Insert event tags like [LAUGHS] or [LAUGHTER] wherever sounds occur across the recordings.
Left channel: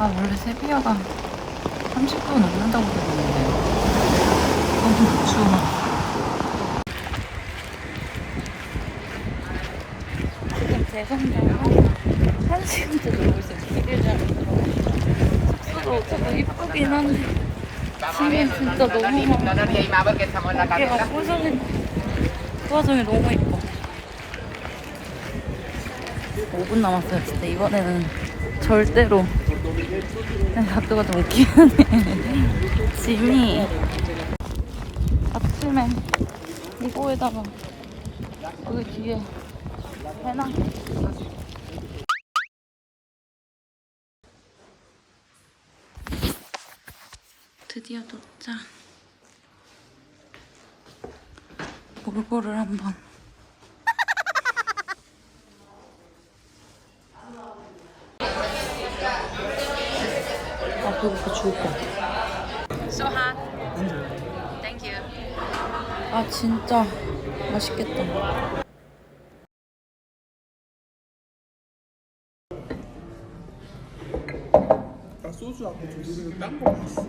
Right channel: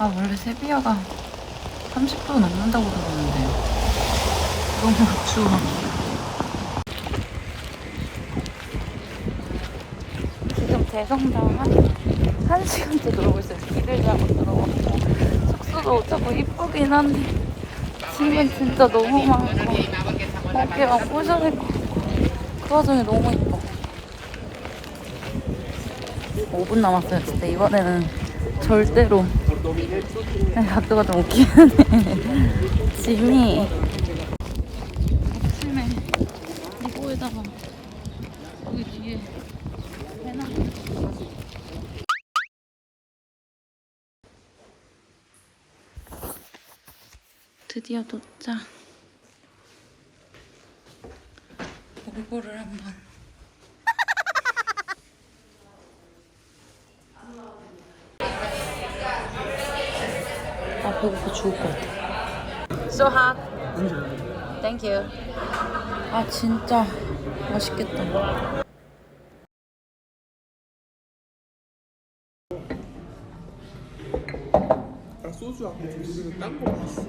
아 원래 세비야가 30도 넘는다고 들었는데 너무 추워. 지금 대성당 한, 한 시간째 놀고 있어요. 길을 잘못 들어가서. 숙소도 자꾸 이쁘긴 한데 지금 진짜 너무 많고 거기가 꼬셔있고 그 와중에 너무 이뻐. 5분 남았어요. 근데 이번에는 절대로 네, 각도가 좀 웃기네. 짐이 [LAUGHS] 아침에 이거에다가 여기 뒤에 해놔. 드디어 도착. 볼보를 한번. 배고파 죽을 것 같아. So hot. Thank you. 아 진짜 맛있겠다. 나 소주하고 주스는 딴거 봤어.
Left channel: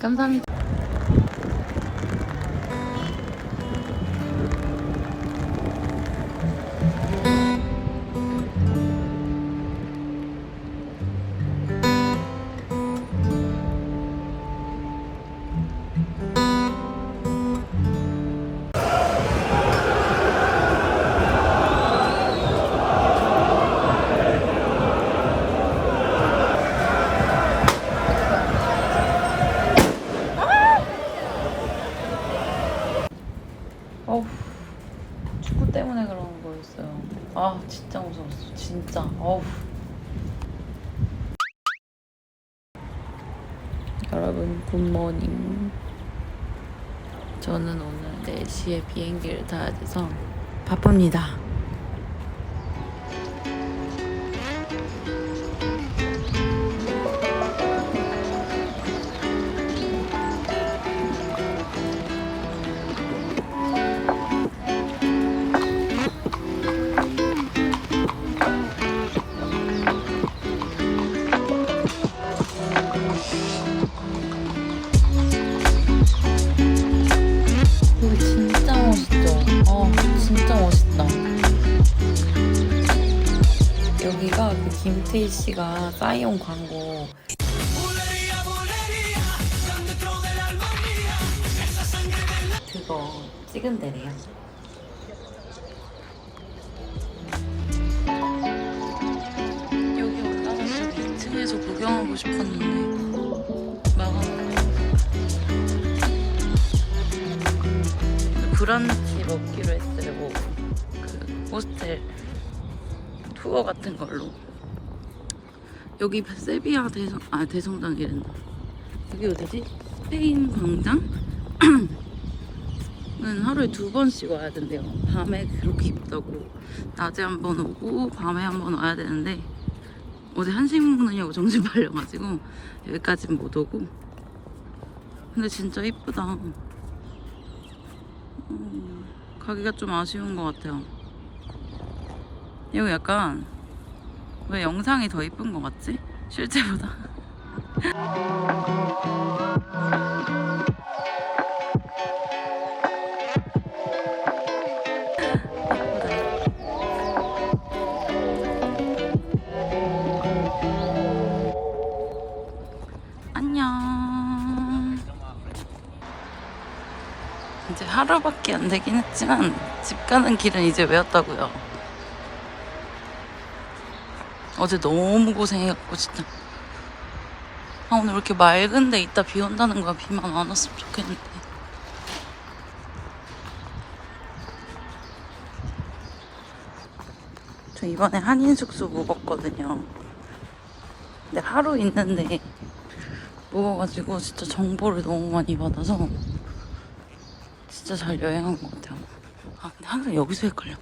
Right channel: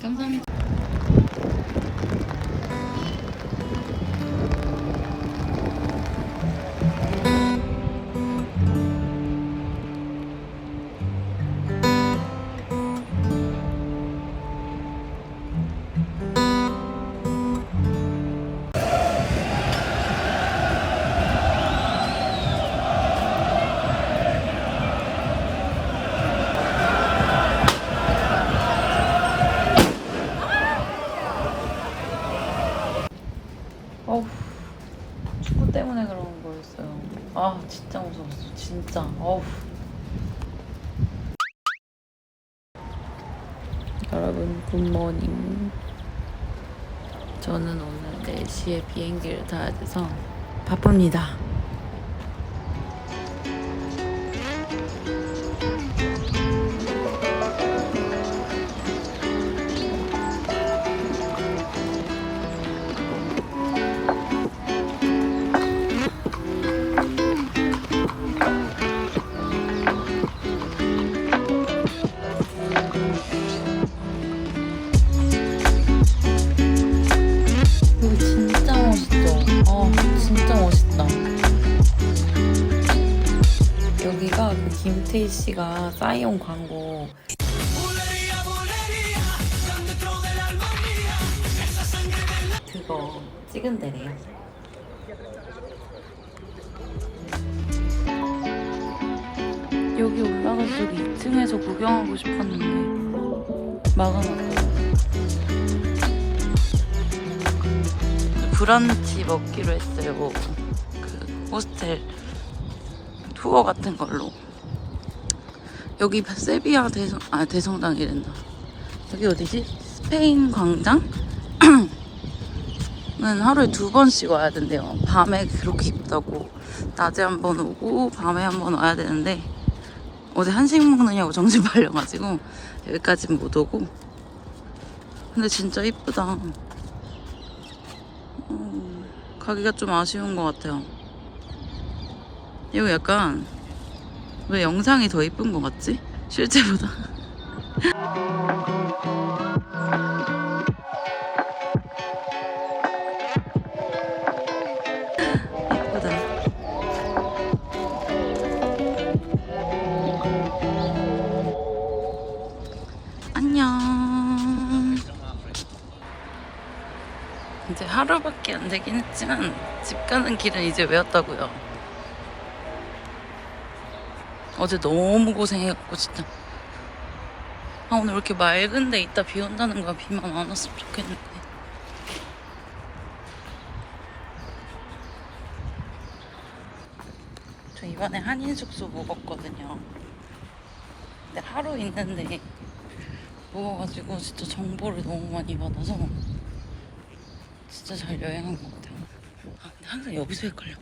감사합니다. 어우, 축구 때문에 그런 거였어요. 아, 진짜 무서웠어. 진짜. 어우. 여러분, 굿모닝. 저는 오늘 4시에 비행기를 타야 돼서 바쁩니다. 여기가 그 김태희 씨가 싸이온 광고 그거 찍은 데래요. 여기 올라가서 2층에서 구경하고 싶었는데 막은 브런치 먹기로 했어요. 뭐 그 호스텔 투어 같은 걸로. 여기 세비야 대성 아 대성당이란다. 여기 어디지? 스페인 광장? [CLEARS THROAT] 은 하루에 두 번씩 와야 된대요. 밤에 그렇게 춥다고 낮에 한 번 오고 밤에 한 번 와야 되는데 어제 한식 먹느냐고 정신 팔려가지고 여기까지는 못 오고 근데 진짜 이쁘다. 어, 가기가 좀 아쉬운 것 같아요. 이거 약간 왜 영상이 더 이쁜 것 같지? 실제보다. [LAUGHS] 하루밖에 안 되긴 했지만 집 가는 길은 이제 외웠다고요. 어제 너무 고생해갖고 진짜. 아 오늘 왜 이렇게 맑은데 이따 비 온다는 거야 비만 안 왔으면 좋겠는데. 저 이번에 한인 숙소 묵었거든요. 근데 하루 있는데 묵어가지고 진짜 정보를 너무 많이 받아서 진짜 잘 여행한 것 같아요. 아 근데 항상 여기서 헷갈려.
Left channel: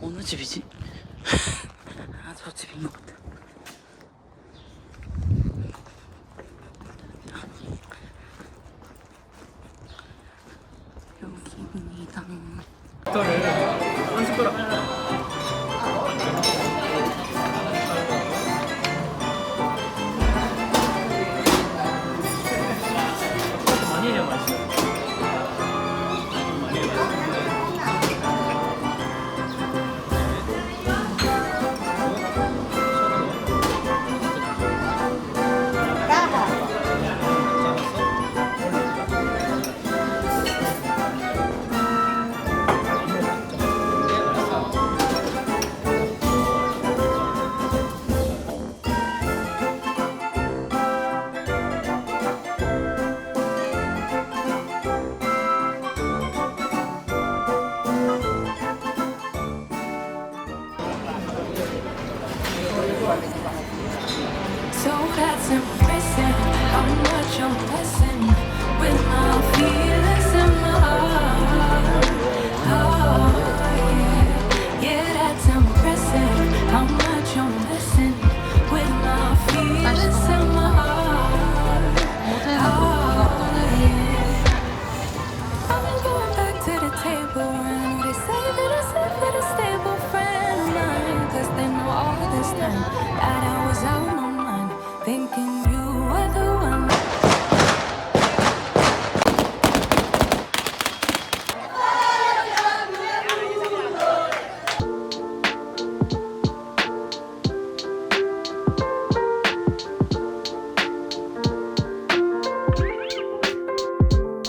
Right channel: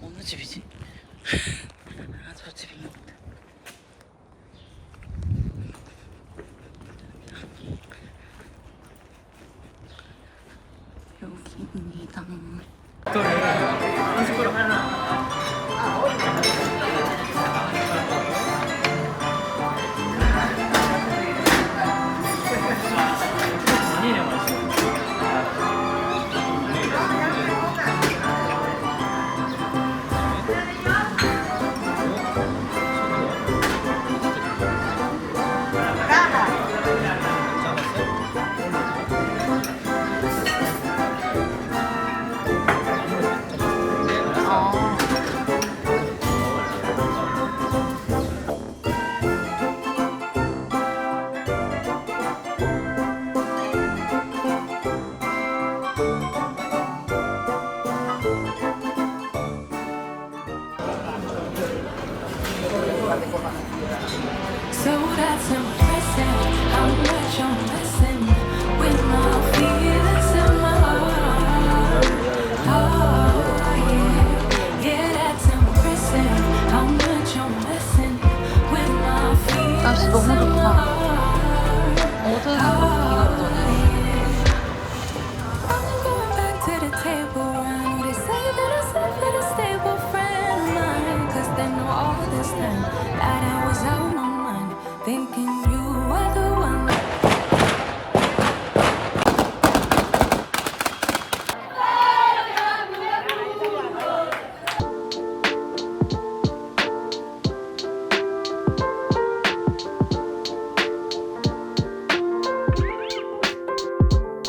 어느 집이지? 아, 저 집인 것 같아. 여기입니다. 한 숟가락.